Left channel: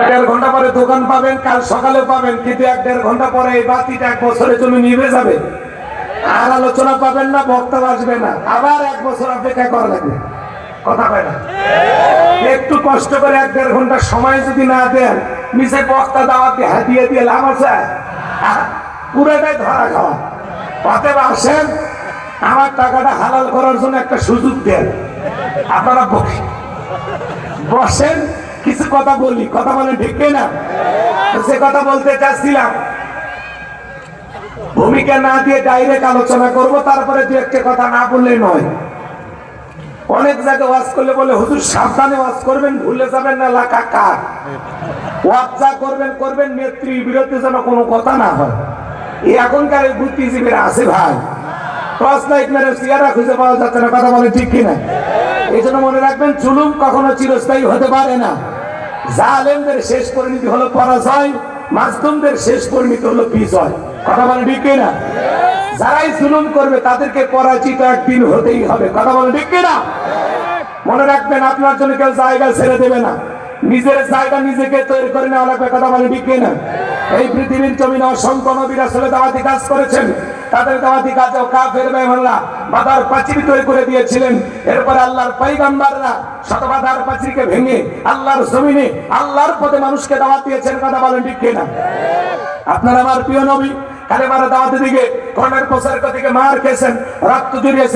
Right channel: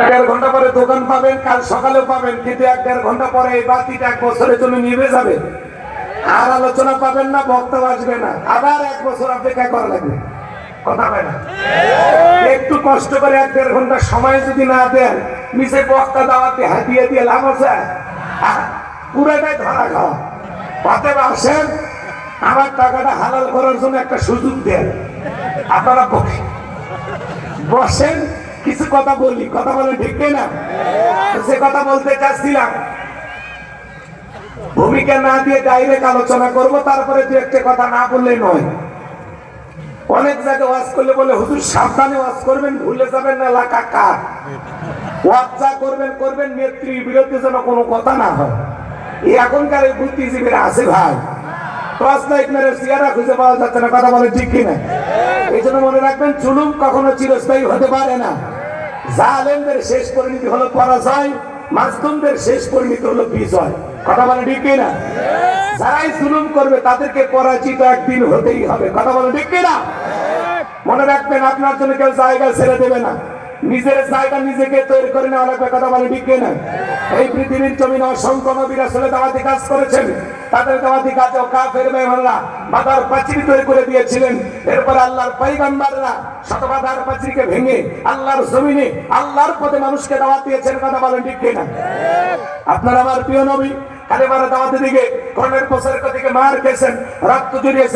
1.5 ঘন্টা পরে দোকান পাবেন, কাল সকালে পাবেন, কিন্তু 1.5 ঘন্টা পরে এই বাতিটা 1 বছরের জন্য নিভে যাবে। আর আলোচনা পাবেন না, বক্তা আসবে না, আবার 1 বছর অপেক্ষা করা লাগবে। কথা হয় না? একটু কষ্ট করে 1.5 ঘন্টা সময় যদি না দেন, নিজে বক্তা দাওয়াতে হাতিয়ে দিয়ে লাভ আছে? পুরোটাই ধরা খাওয়া। অতএব আসেন, আমার টাকাটা হালাল করার জন্য একটা সুযোগ দেন। আপনারা বসেন, কিছু কথা বলি, কথা বলেন, ঠিক না? সে কথা বলতে চাচ্ছিলাম, ভূমিকা না দিয়ে ডাইরেক্ট আলোচনা করব, তারপরে দু একটা কথা না বললে নয়। অনেক জায়গায় ওয়াজ করলে বলে, হুজুর সাবধানে ওয়াজ করবেন, ভুলে যাবেন না লাকা কার ওয়াজ যা করবেন করবেন, নেত্রীর বিরুদ্ধে যেন কোনো কথা না হয়। এই এখনকার এই বুদ্ধিজীবীরা আছে ভাই, টর্চ লাইট মেরে চেহারা খুঁজে পাওয়া যাচ্ছে না, কথা বলে ঠিক কিনা? এই জন্য মনে রাখবেন, জুলুম কখনো চিরস্থায়ী হতে পারে না। জালেমদের শেষ পরিণতি হলো পরাজয়, মাজলুমদের শেষ পরিণতি হলো বিজয়। কথা বলে ঠিক কিনা? যারাই জুলুম করবে তাদেরকে পরাজিত একদিন হতেই হবে। কথা বলে ঠিক কিনা? মনে রাখবেন, আপনার জন্য কেউ জায়গা ছেড়ে দেবে না, নিজের জায়গা নিজেকে তৈরি করে নেওয়া লাগবে। কথা বলে ঠিক কিনা? এই পৃথিবীর জমিনে অসংখ্য নবীরা আসলে দাওয়াতি কাজ করেছেন, তাদের দাওয়াতি কাজেও কাফের বেঈমানরা বাধার প্রাচীর তৈরি করে দিয়েছিলেন। এরপরে আল্লাহর পয়গম্বররা শতবাধার প্রাচীরকে ভেঙে আল্লাহর জমিনে আল্লাহর পথে মানুষকে দাওয়াত দিয়েছেন। কথা বলেন ঠিক কিনা? আপনার আমার প্রিয় নবী কালেমার দাওয়াতের দিকে কর্মের প্রচার থেকে মার খেয়েছেন, রক্ত জড়িয়েছেন।